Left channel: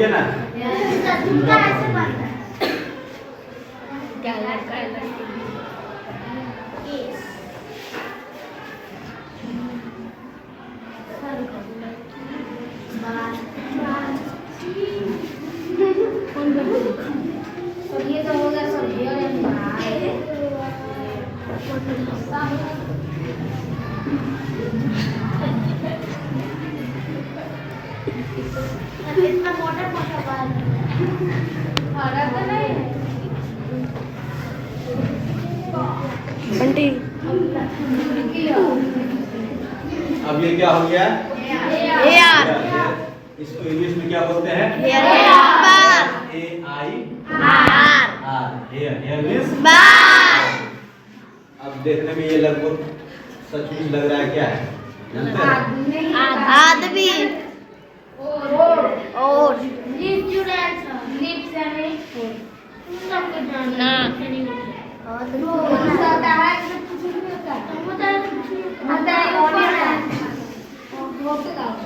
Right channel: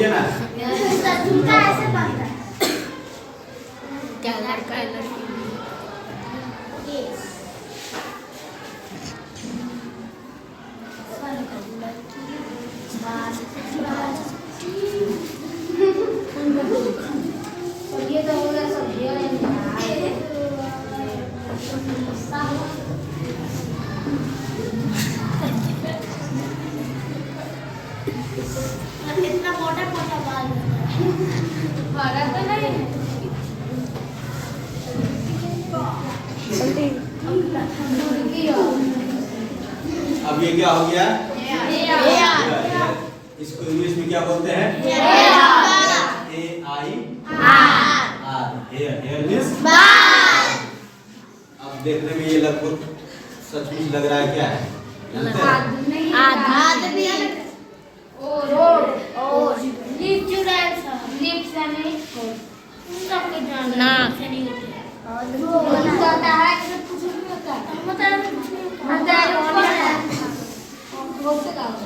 बोलिए ना। जूता ऐसे बनता है। क्या लड़का है लड़की? कौन बच्चे? सब ये तो हो गया, सब ये इतना मोटा मोटा बाल हरा तो नहीं। आंटी अब ये क्या हो गया? हेयर। इसको इंग्लिश में क्या बोलते हैं? AIR। हेयर। हेयर मींस बाल। अब देखने में ये लगभग सचमुच लग रहा है, क्या है जानते हैं? आदमी। और लिप्स यानी सबके जानना नहीं होता है कि कुछ नहीं होता है, होता है कौन है होता है।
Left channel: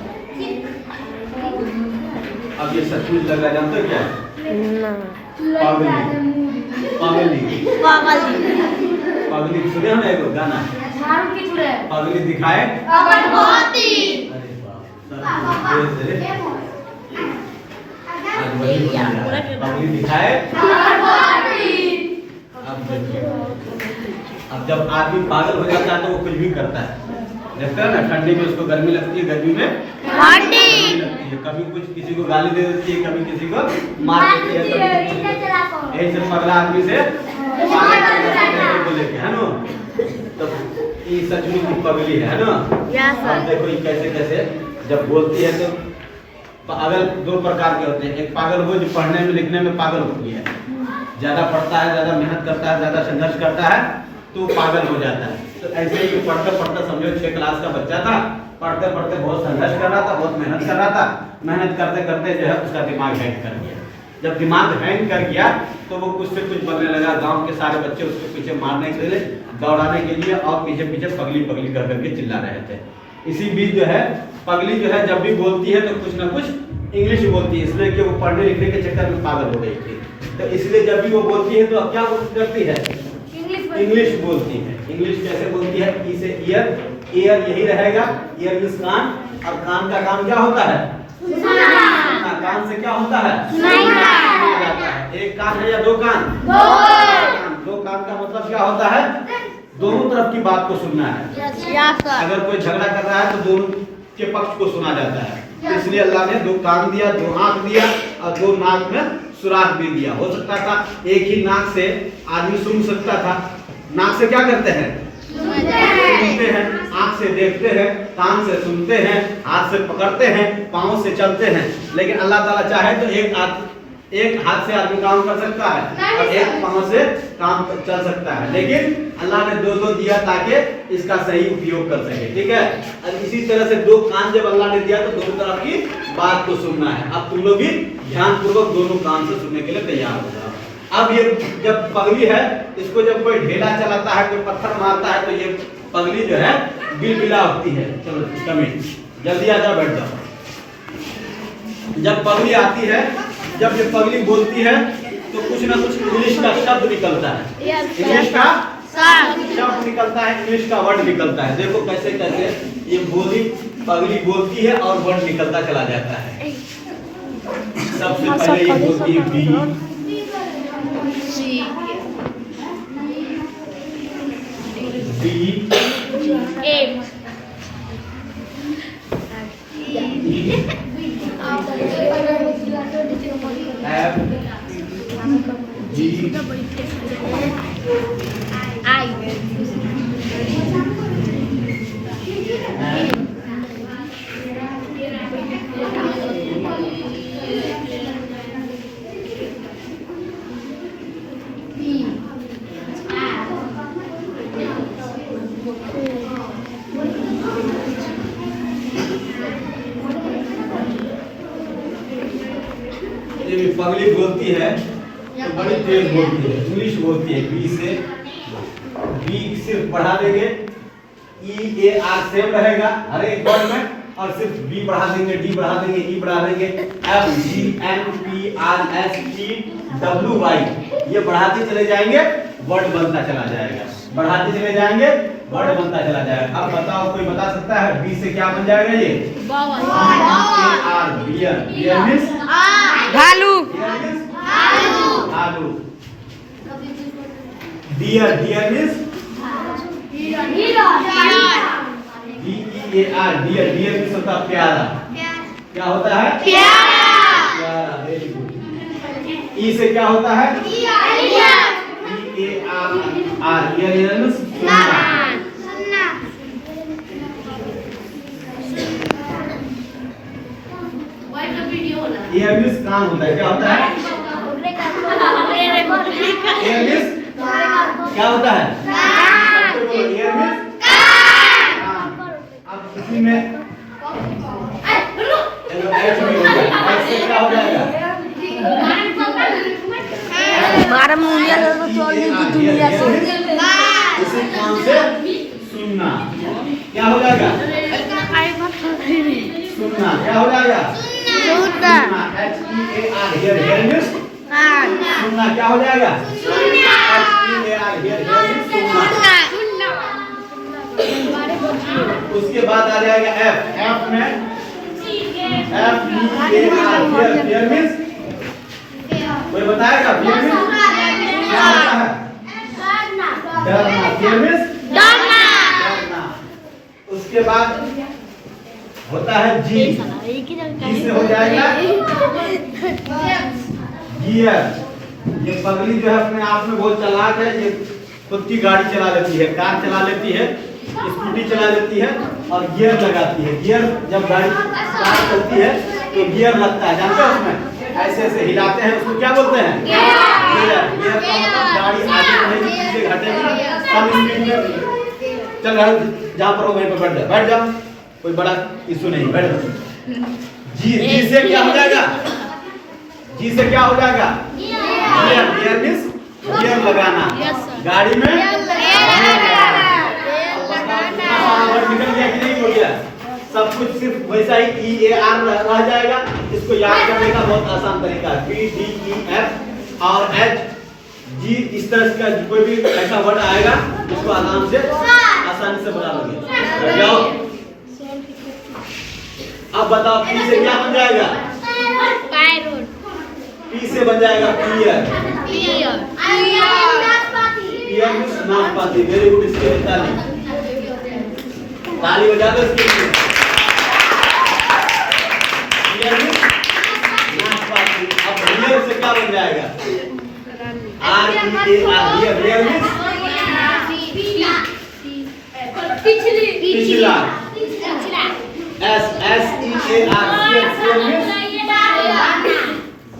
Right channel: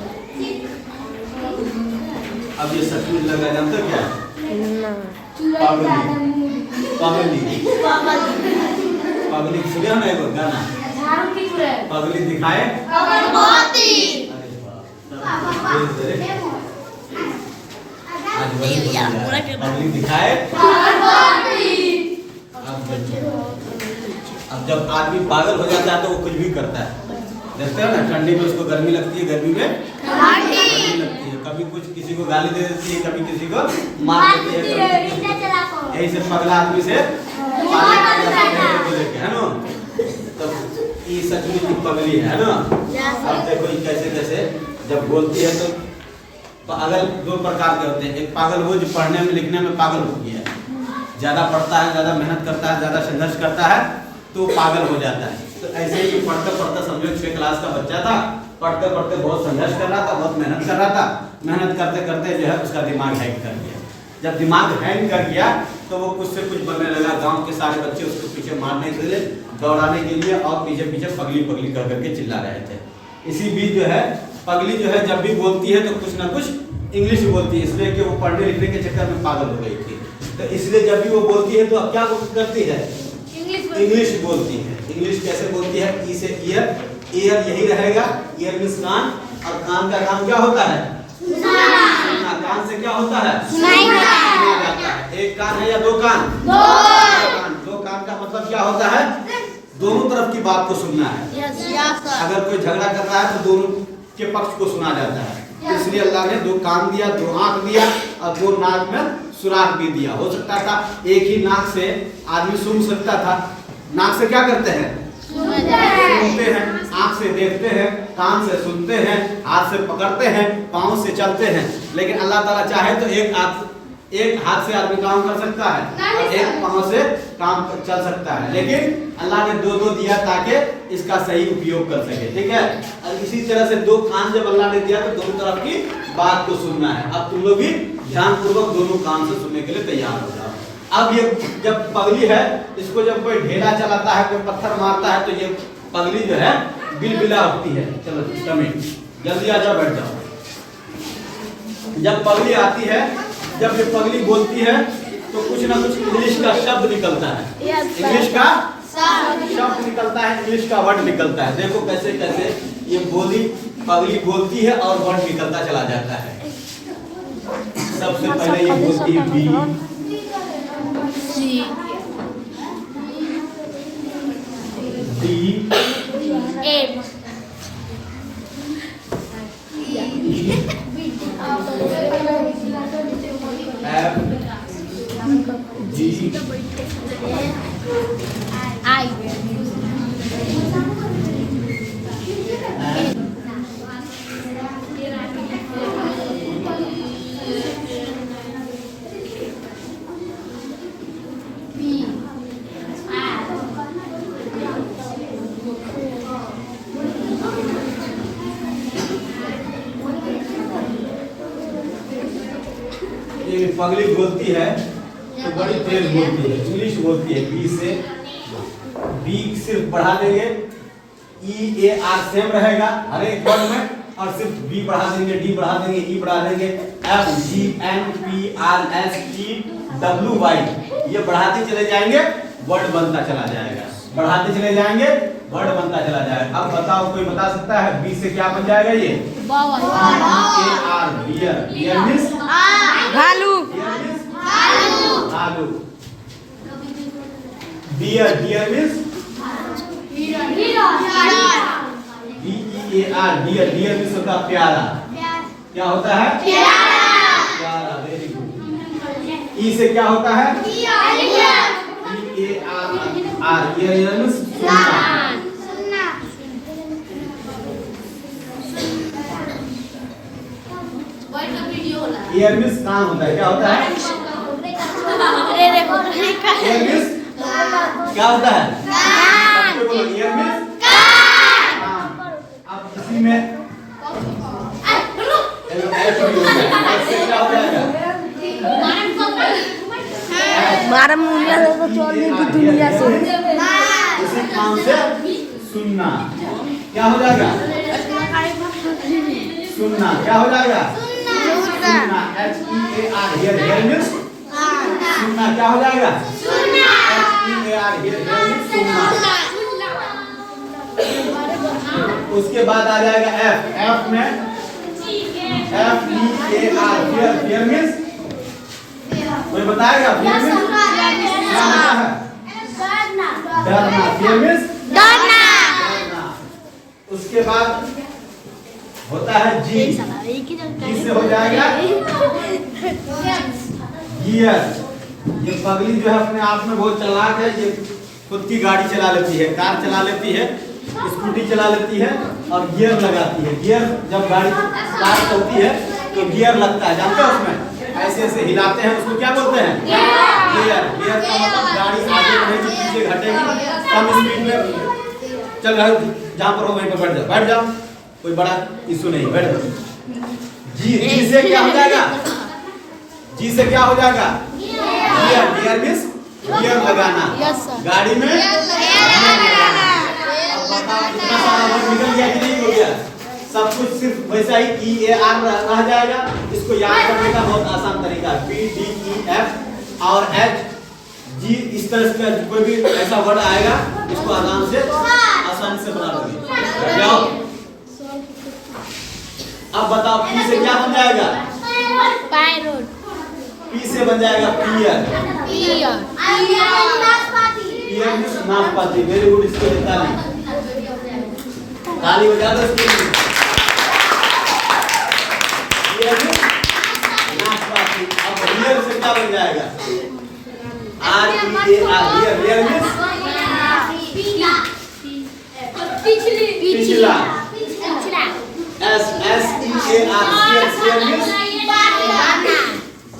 अब ये सचमुच लग रहा है, जानते हो क्या है? ना। पगली सुने हो ना एक गाना, पगली दिखाए अगरबत्ती। अरे बाप रे। आज वही बोल रहा, पगली दिखाए। अब जब आदमी पागल हो जाता है तो वो कुछ भी करता है। देखते हो ना, ठंडी में उसको गर्मी लगती है, गर्मी में ठंडी लगती है, कभी कुछ किसी को गाली दे देती है, कभी किसी को मार देती है। यही से पगला आदमी से लेके है ना, तो ये सचमुच की पगली है ना। अब देखो ये कैसे कैसे जब बोलती है तो पागल दो प्रकार के होते हैं। एक पागल वो जो पढ़ने में लिखने में पागल होती है, ज्यादा पढ़ता है, ज्यादा मेहनत करता है, ज्यादा संघर्ष करता है तो पागल हो जाता है। तो ऐसे ही पढ़ते पढ़ते समझो 6 क्लास का बच्चा था, पढ़ते पढ़ते बहुत संघर्ष कर रहा था, बहुत मेहनत कर रहा था, मेहनत करते करते जो है उसका दिमाग हैंग कर गया। जब दिमाग हैंग कर गया तो वो कुछ से कुछ बनने लगा। गांव के सारे बच्चे उसको पीछे मारने के लिए, दौड़ाने के लिए और पीछे पीछे पगली पगली कर करके चिल्ला रहे थे। इसी बीच जो है पगली जो है जब भी बोलती है तो कुछ ना कुछ इंग्लिश बोलती है, इसलिए कि वो पढ़ने लिखने के चक्कर में पागल हो गई थी। तो इसलिए जब भी वो बोलती है तो अब क्या करती है? इंग्लिश बोलती है। इंग्लिश कैसे बोलती है? ई से ईयर, ईयर यही रहेगा, ईयर मींस कान, और कान का काम क्या होता है? सुनना। कान से क्या होता है? सुनना। एक कान है या दो कान? दो कान का मतलब क्या होता है? दोनों तरफ की बात को सुनना है। अगर कोई झगड़ा कर रहा है तो दोनों के पक्ष को सुना जाता है। इसलिए अल्लाह ने 2 कान दिया, 2 आंख दिया और 2 नाक में सुराख भी दिया। हो सकता था एक ही नाक से आदमी सुन सकता था। नाक से क्या करते हैं? सुनते हैं, आंख से देखते हैं, कान से सुनते हैं, हाथ से पकड़ते हैं, पांव से चलते हैं। लेकिन अल्लाह ताला चाहे तो एक हाथ से आदमी काम कर सकता है और एक पांव से काम चल सकता है। लेकिन अल्लाह ने 2 दिया ताकि इसका सही उपयोग कर सके, ठीक है। और इसी तरह से 2 कान जब अल्लाह ने दिया तो दोनों तरफ की बात को सुनना है। अब तुम लोग भी ध्यानपूर्वक दोनों कान से सुनने के लिए तैयार हो जाओ। अब ये जब पगली है, इसको जब कोई ढेला चलाता है, कोई पत्थर मारता है तो ये पगली जो है बिलबिला उठती है। चलो कमेंट जल्दी आ जाओ, बैठ जाओ। जब पगली आती है, जब ये पगली बोलती है तो कुछ ना कुछ इंग्लिश का शब्द निकलता है। इंग्लिश का शब्द निकलता है, इंग्लिश का वर्ड निकलता है। देखो कैसे कैसे ये पगली बोलती है और वर्ड निकलता चला जाता है। सबसे पहले ये बोलती है बी, डी, एफ, जी, आई। ये पगली बोलती है तो बड़ी तेज बोलती है, इंग्लिश बोलती है। बी से बी सिर्फ बढ़ा देंगे, ई ए आर सेम रहेगा हर एक वर्ड में, और सिर्फ बी बढ़ा देंगे, डी बढ़ा देंगे, ई बढ़ा देंगे, FGNPRSTWY, ये बढ़ाते चले जाएंगे, वर्ड बनता चला जाएगा, बढ़ाते चले जाएंगे, वर्ड बनता चला जाएगा। अब बताओ, कोई बता सकता है बी से क्या बन जाएगा? ये बियर, बियर मींस भालू आलू। Dear, dear means DEAR, dear, dear means होता है प्यारा। क्या होता है? प्यारा, वेरी गुड। ई से क्या होता है? EAR, ईयर मींस सुनना। ईयर मींस कान होता है। क्या होता है? ईयर मींस क्या होता है? सबको बोलो, ईयर मींस कान। अब इसी में क्या हो जाएगा? हमारा मुंडिया तो चल गई दुनिया से। उसी कान से सुनना। क्या हो जाएगा? सुनना। क्या हो जाएगा? सुनना। HEAR, हियर, हियर मींस सुनना। क्या हो जाएगा? HEAR, हियर, हियर मींस सुनना। उसके बाद आ जाएगा F, F में FEAR, हियर, हियर मींस कोई बताएगा? हियर मींस क्या होता है? डरना। हियर मींस डरना। उसके बाद होता है जी, जी से हो जाएगा गियर। ये पगली जो है अपने आप में बहुत चालाक है, ये खुद की गाड़ी चला लेती है, कार चला लेती है, स्कूटी चला लेती है और गियर लगाती है। गियर जब गाड़ी कार चलती है तो गियर लगता है, जानते हो? उसमें ऐसे ऐसे हिलाते हैं, उसको क्या बोलते हैं? गियर। गियर का मतलब गाड़ी आगे बढ़ेगी, पीछे घटेगी, कम स्पीड में चल रहा है, जहाँ पर हो वहीं पर बैठ जाओ, बैठ जाओ, कोई बड़ा इशू नहीं, बैठ जाओ। जी, जी से क्या हो जाएगा? जी से क्या हो जाएगा? गियर, गियर मींस गियर लगाना, गाड़ी में गियर लगाना। कितना सारा वर्ड निकल गया कि नहीं हो गया? सब कुछ सिर्फ वैसा ही EAR रह जाएगा। इसको याद करने का बहुत आसान तरीका है, BDEF और HG, इस तरह का कोई भी ऐसा वर्ड आएगा, इसको आराम से आसानी से बता दोगे। जाओ, अब बताओ पी से क्या बन जाएगा? पी से बन जाएगा पियर, पियर मींस नाशपाती। वेरी गुड, इसके लिए ताली, ताली बजा दो इसके लिए। पियर मींस नाशपाती। अब रियर से क्या बन जाएगा? REAR, रियर, रियर मींस पिछला। SEAR, शेयर मींस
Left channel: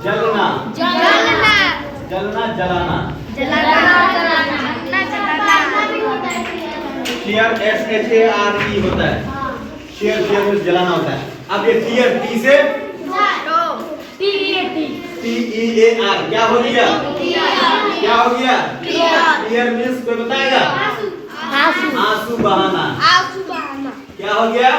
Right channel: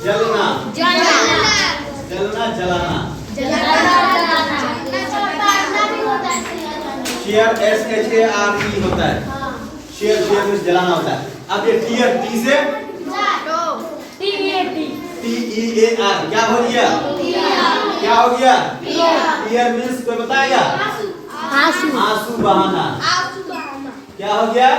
जलना, जलना, जलाना। शेयर SHARE होता है, शेयर, शेयर मींस जलाना होता है। अब ये टीयर, टी से TEAR, क्या हो गया? क्या हो गया? टीयर मींस कोई बताएगा? आंसू बहाना। क्या हो गया?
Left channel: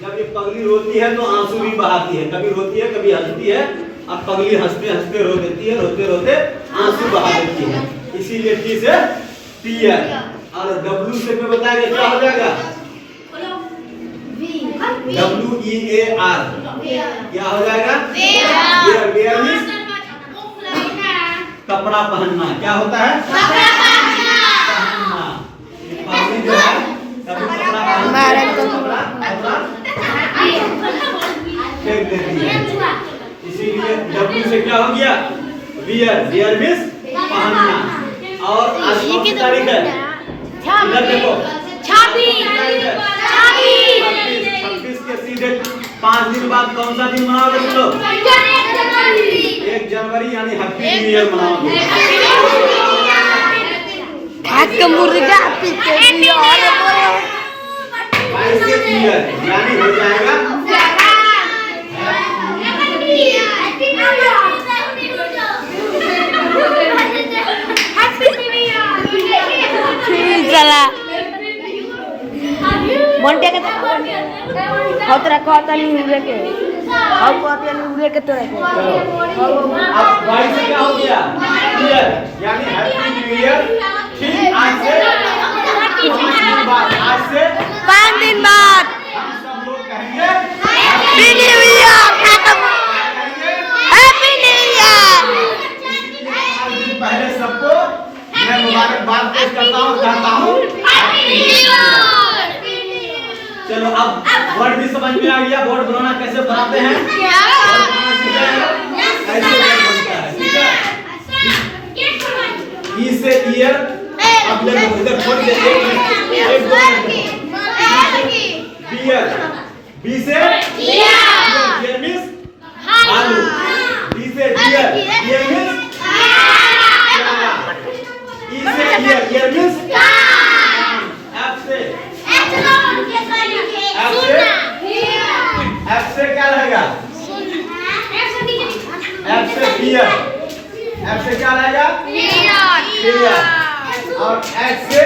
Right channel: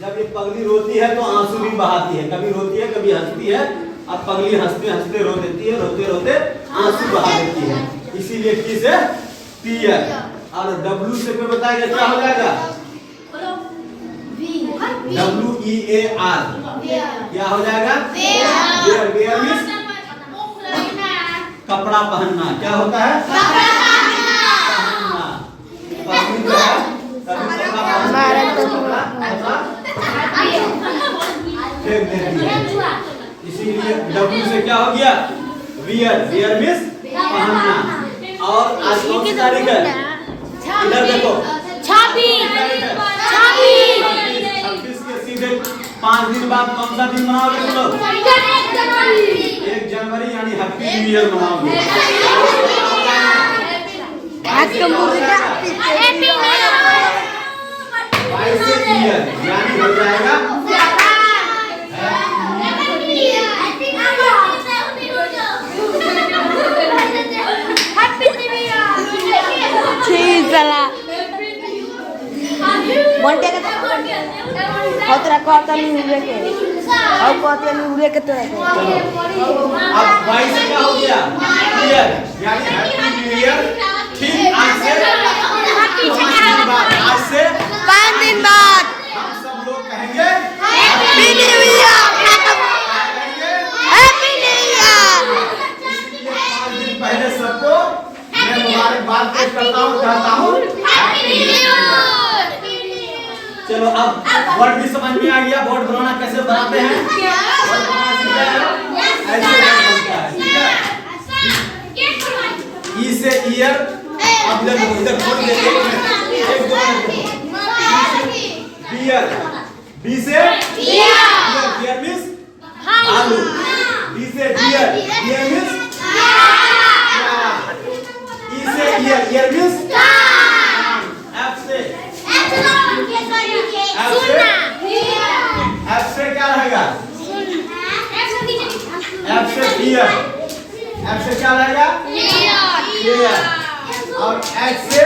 जब ये पगली रोती है तो आंसू भी बहाती है, कभी रोती है कभी हंसती है। अब पगली हंसते हंसते रो देती है, रोते रोते आंसू बहा देती है, इसीलिए टी से टीयर। और डब्ल्यू से कोई बताएगा क्या हो जाएगा? WEAR, क्या हो जाएगा? वेयर, वेयर मींस कपड़ा पहनना। क्या होता है? पहनना। पगली जो है कभी कपड़ा फेंक देती है, इसीलिए W से क्या हो गया? वियर, वियर मींस पहनना। और आज कौन सी तारीख है? इधर देखो, 26 के सीधे 5 दिन बाद कौन सा दिन मनाओगे तुम लोग? 1 जनवरी, यानी हैप्पी न्यू ईयर मनाओगे। यानी हो जाएगा बंटे का होतरा कहता नहीं हुए के अब कहते हैं उड़े के तरह के अब वाई से क्या हो गया? ईयर, यानी हैप्पी न्यू ईयर। ठीक, आज से 5 दिन बाद, आज से 5 दिन बाद हम सब लोग कहेंगे happy new year, happy new year. 5 दिन पहले सबको मैं मुबारकबाद पेश करता हूँ, चाहता हूँ। चलो अब वर्ड भी समझ में आ गया, बोर्ड बनाना कैसे बनाते हैं, वर्ड बनाना सीख गए हैं? ऐसे वर्ड बनता है, ठीक है। ई से ईयर, अब जब इधर खोल देते हैं, एक दो मिनट बियर, बी से बियर मींस आलू, बी से बियर, बियर मींस ई से ईयर, ईयर मींस एफ से क्या रहेगा? एफ से बियर, एफ से क्या रहेगा? बियर, और एच से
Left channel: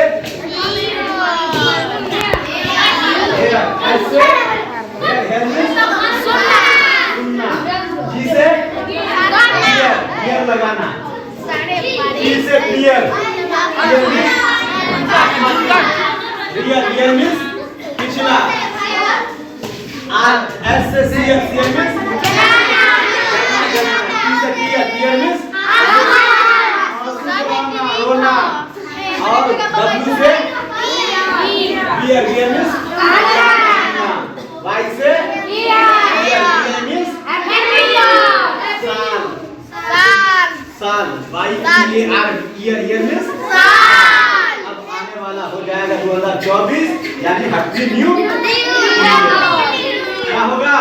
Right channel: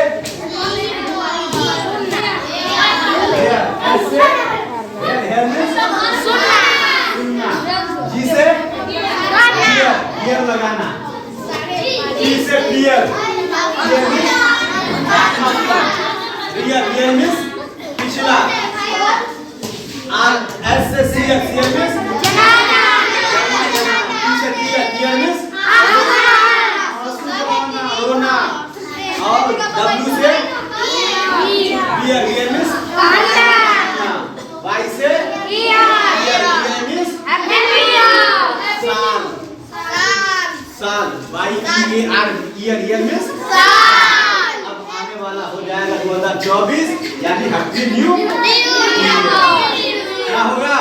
हेयर, एच से हेयर मींस सुनना, जी से बियर लगाना, ई से बियर, बियर मींस पिछला, एस से sear, sear means tear means रोना, और डब्ल्यू से बियर, बियर मींस वाई से बियर, बियर मींस साल, साल, Y E A R, year, year means अब आने वाला हो जाएगा 2024, यानी हैप्पी न्यू क्या होगा?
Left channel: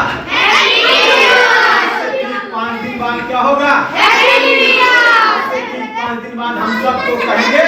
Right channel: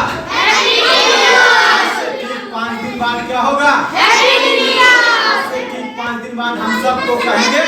5 दिन बाद क्या होगा? 5 दिन बाद हम सबको कहेंगे